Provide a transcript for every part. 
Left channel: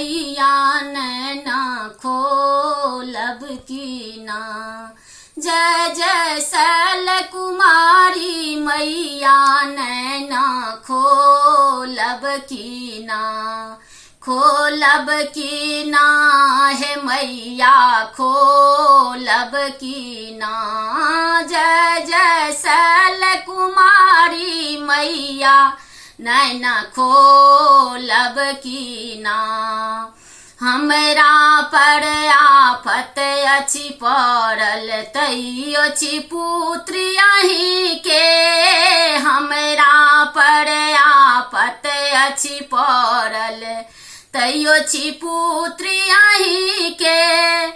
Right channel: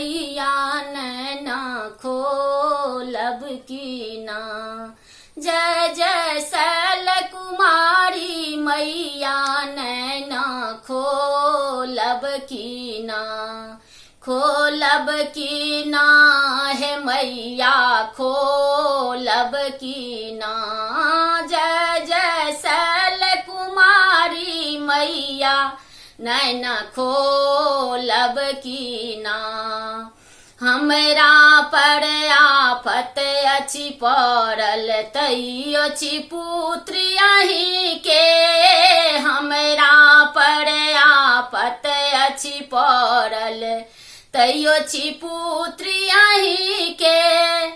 मैया नैना खोलब की ना। जय जय शैल कुमारी मैया नैना खोलब की ना। खोलब की ना है मैया खोलब की ना। जय जय शैल कुमारी मैया नैना खोलब की ना। हमरा पर आफत अछि पड़ल तैयो छी पुत्री अहीं के। हमरा पर आफत अछि पड़ल तैयो छी पुत्री अहीं के।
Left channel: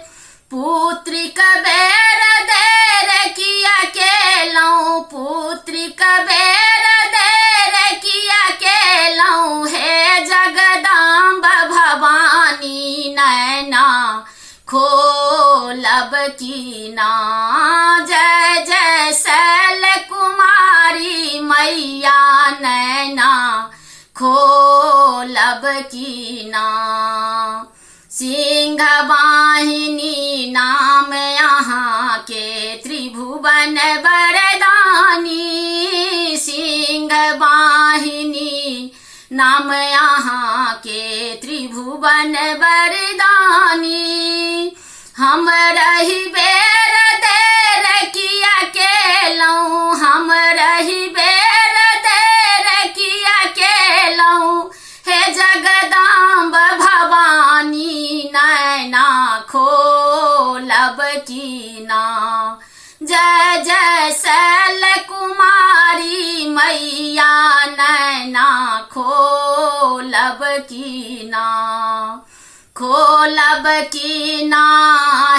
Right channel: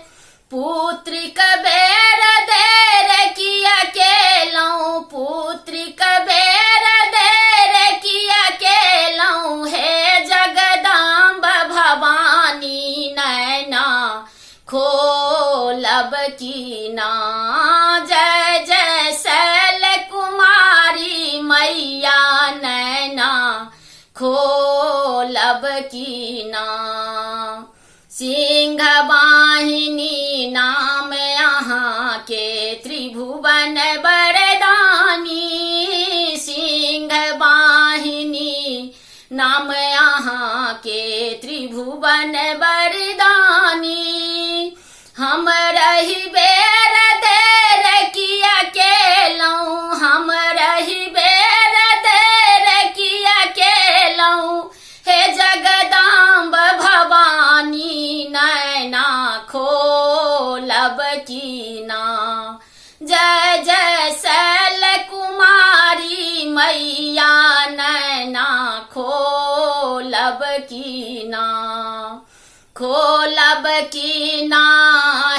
पुत्री कबेर देर किया केलौं, पुत्री कबेर देर किया केलौं। हे जगदम्ब भवानी नैना खोलब की ना। जय जय शैल कुमारी मैया नैना खोलब की ना। सिंह वाहिनी नाम यहाँ के त्रिभुवन वरदानी। सिंह वाहिनी नाम यहाँ के त्रिभुवन वरदानी। हम रही बेर देर किया केलौं, हम रही बेर देर किया केलौं। हे जगदम्ब भवानी नैना खोलब की ना। जय जय शैल कुमारी मैया नैना खोलब की ना। खोलब की ना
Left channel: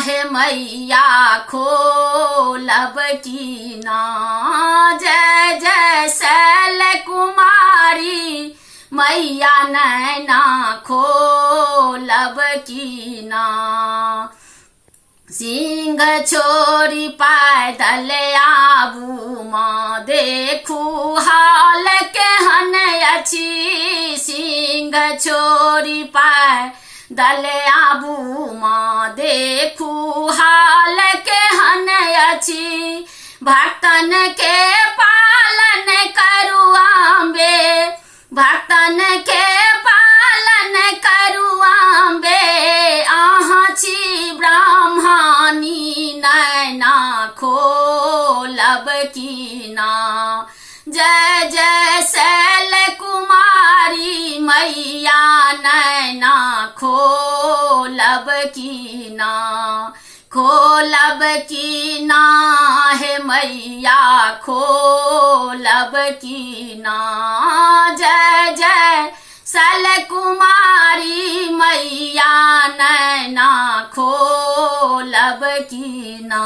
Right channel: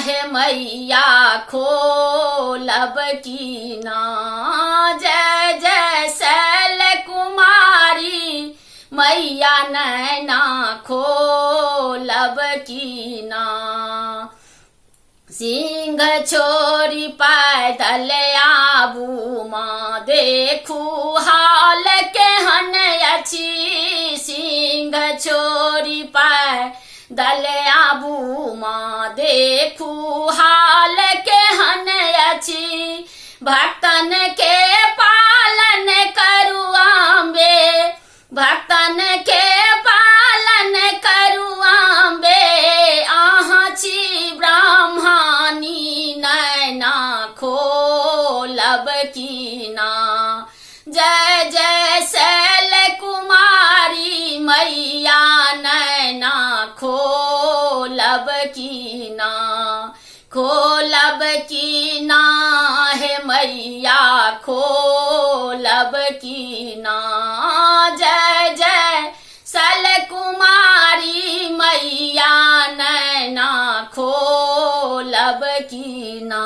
है मैया खोलब की ना। जय जय शैल कुमारी मैया नैना खोलब की ना। सिंह छोरी पैदल आबू माँ देखू हाल केहन अछि। सिंह छोरी पैदल आबू माँ देखू हाल केहन अछि। भक्तन के पालन करू अम्बे, भक्तन के पालन करू अम्बे। अहाँ छी ब्राह्मणी नैना खोलब की ना। जय जय शैल कुमारी मैया नैना खोलब की ना। खोलब की ना है मैया खोलब की ना। जय जय शैल कुमारी मैया नैना खोलब की ना।